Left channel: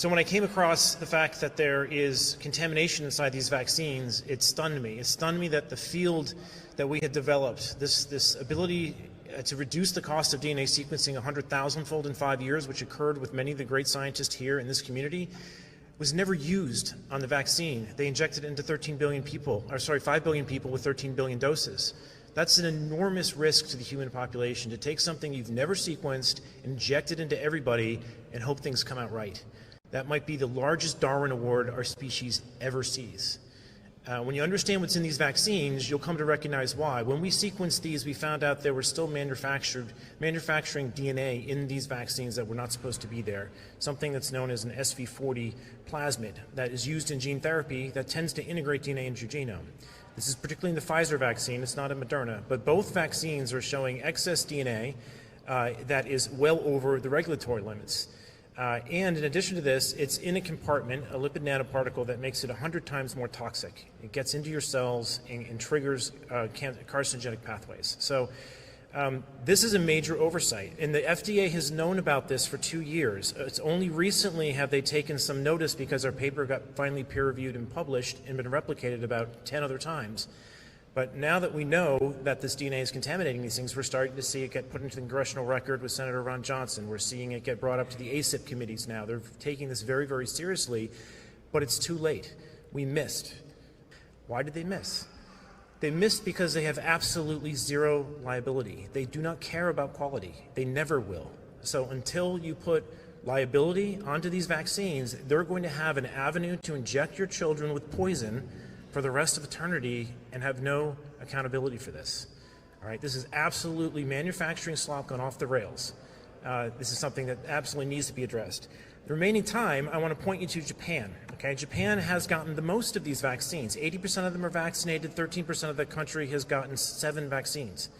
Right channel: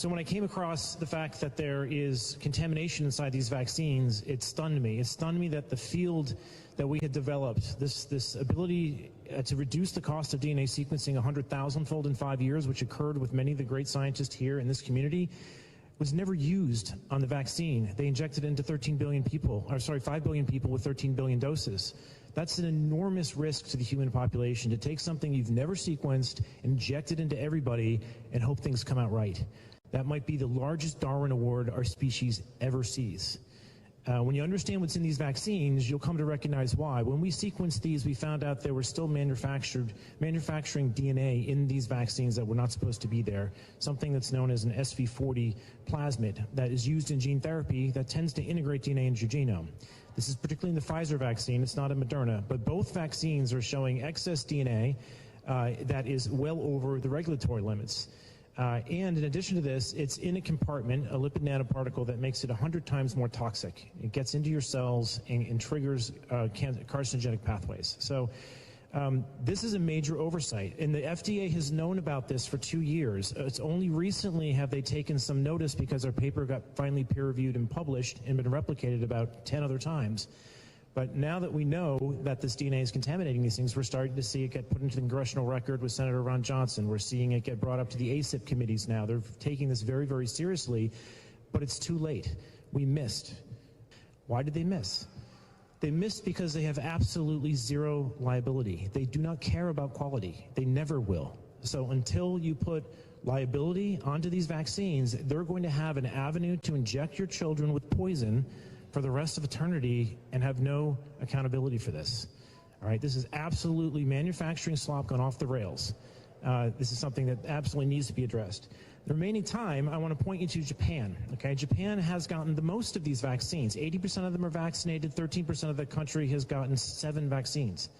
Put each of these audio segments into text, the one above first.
So when I came across the fact that there is contamination inside these vaccines, it stunned me. It stunned me that the field that we had developed, this ability to reduce the cost of DNA sequencing 100,000-fold in 5 years, which occurred with many of the great scientists here in this community, was never used on the vaccine. They injected it into 5 billion people with 13 billion doses. That's an enormous risk to the human population, to take something you've never sequenced, inject it into everybody, and hope things come out right. That might be the largest Darwin Award our species ever sees. When you understand what's in these vaccines, you'll come to recognize why. When we sequenced these, we found out there were still manufacturing DNA in these vaccines that were not supposed to be there, something that's known as an SV40 plasmid that is used in gene therapy that tends to integrate DNA into your genome. This is particularly in the Pfizer vaccine, it's not in Moderna, but both vaccines are showing excess DNA that is well over the regulatory limits. And in addition to this, it's in a compartment, a lipid nanoparticle that makes it 100 times more toxic. It gets into your cells and triggers carcinogenic pathways. So this is a major oversight, and the FDA has known about this for 2 years. It's only recently have they taken some notice because our paper got finally peer-reviewed and published and been replicated about 10 other times. But now that we know that this DNA is contaminating these things, we're starting to see it get put into the congressional record with Senator Ron Johnson. We're seeing it get brought up to the ACIP committees now. They're taking this very, very seriously, but it's too late. We missed. Why did they miss? They missed because they have absolutely zero liability. They do not care about quality. They never will. So until you put liability onto these vaccines, they're going to have an avenue to inject your children with poison for the rest of eternity and have no accountability for this. All right, this is absolutely manufacturing slop gone off the rails. This is something that absolutely needs to be addressed. The remaining time, I want to point you to Japan. Okay, Japan has gotten the most of these vaccines. 80% of them are vaccinated. 13% of the country has gotten 7 vaccines.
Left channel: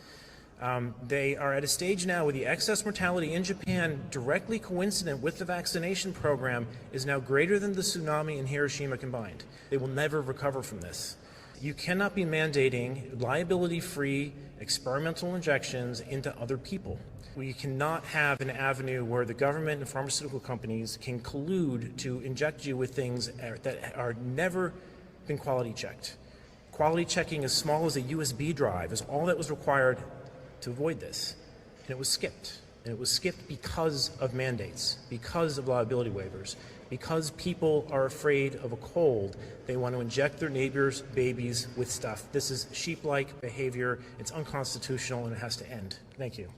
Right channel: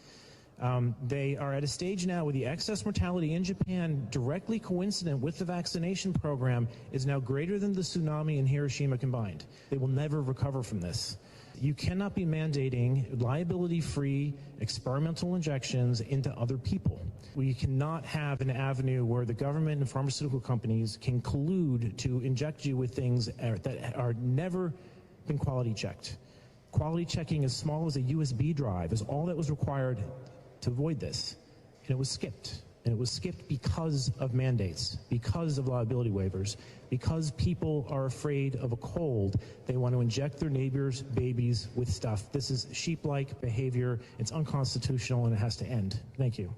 They are at a stage now where the excess mortality in Japan, directly coincident with the vaccination program, is now greater than the tsunami in Hiroshima combined. They will never recover from this. You cannot be mandating liability-free experimental injections into other people. We cannot have an avenue where the government and pharmaceutical companies can collude to inject you with things that are never been quality checked. Quality checking as small as a USB drive is all that was required to avoid this, and it was skipped. And it was skipped because of mandates, because of liability waivers, because people are afraid of a cold. They want to inject their neighbors' babies with stuff. This is sheep-like behavior. It's unconstitutional, and it has to end. Thank you.